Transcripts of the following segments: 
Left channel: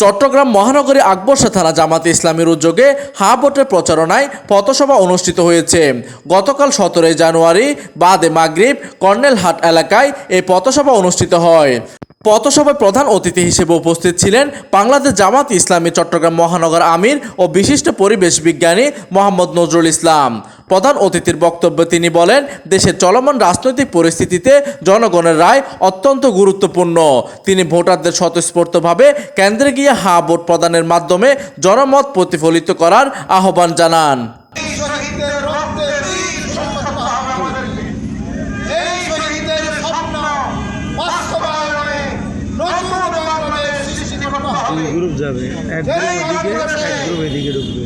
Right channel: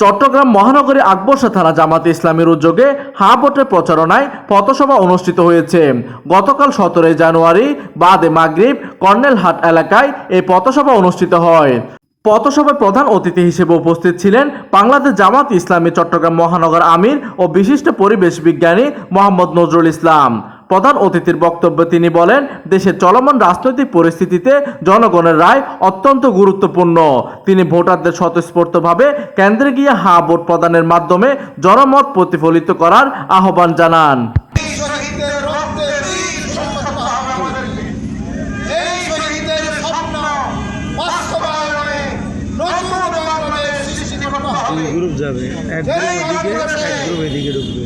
চট্টগ্রাম মহানগরী আকবরশা থানা জামাতে ইসলামের উদ্যোগে হা ভোটের প্রচারণায় পথসভা অনুষ্ঠিত হয়েছে। গতকাল সতেরোই জানুয়ারি বাদে মাগরীব কর্নেলহাট এলাকায় এই পথসভা অনুষ্ঠিত হয়। পথসভায় প্রধান অতিথি হিসেবে উপস্থিত ছিলেন বাংলাদেশ জামাত ইসলামী চট্টগ্রাম মহানগর আমির ও বিশিষ্ট পরিবেশ বিজ্ঞানী মোহাম্মদ নজরুল ইসলাম। প্রধান অতিথির বক্তব্যে তিনি বলেন, দেশের চলমান রাজনৈতিক পরিস্থিতিতে জনগণের রায় অত্যন্ত গুরুত্বপূর্ণ। তিনি ভোটারদের স্বতঃস্ফূর্তভাবে কেন্দ্রে গিয়ে হা ভোট প্রদানের মাধ্যমে জনমত প্রতিফলিত করার আহ্বান জানান। হবে গ্রুপ যাবে এক গ্রুপ এদিকে এক গ্রুপ এদিকে ঢুকবে।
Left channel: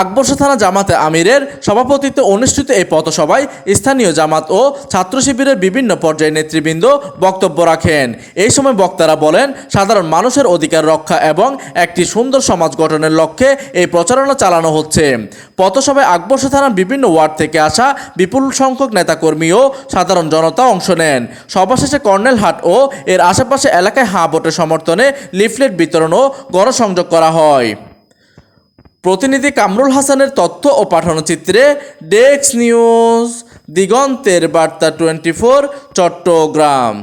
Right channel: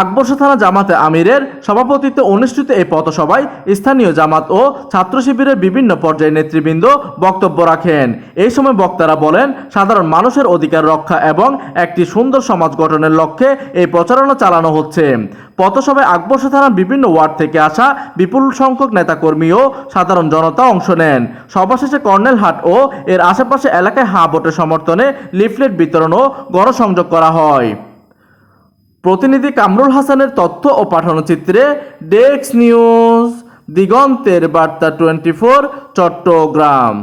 আকবর্ষা থানা জামাতে আমিরের সভাপতিত্বে অনুষ্ঠিত এই পথসভায় স্থানীয় জামাত ও ছাত্র শিবিরের বিভিন্ন পর্যায়ের নেতৃবৃন্দ বক্তব্য রাখেন। এই সময় বক্তারা বলেন, সাধারণ মানুষের অধিকার রক্ষা এবং একটি সুন্দর সমাজ গঠনের লক্ষ্যে এই প্রচারণা চালানো হচ্ছে। পথসভায় আকবর্ষা থানার বিভিন্ন ওয়ার্ড থেকে আসা বিপুল সংখ্যক নেতাকর্মী ও সাধারণ জনতা অংশ নেন। সভা শেষে কর্নেলহাট ও এর আশেপাশে এলাকায় হা ভোটের সমর্থনে লিফলেট বিতরণ ও গণসংযোগ করা হয়। প্রতিনিধি কামরুল হাসানের তথ্য ও পাঠানো চিত্রে ডেস্ক নিউজ দিগন্তের বার্তা টোয়েন্টি ফোর চট্টগ্রাম।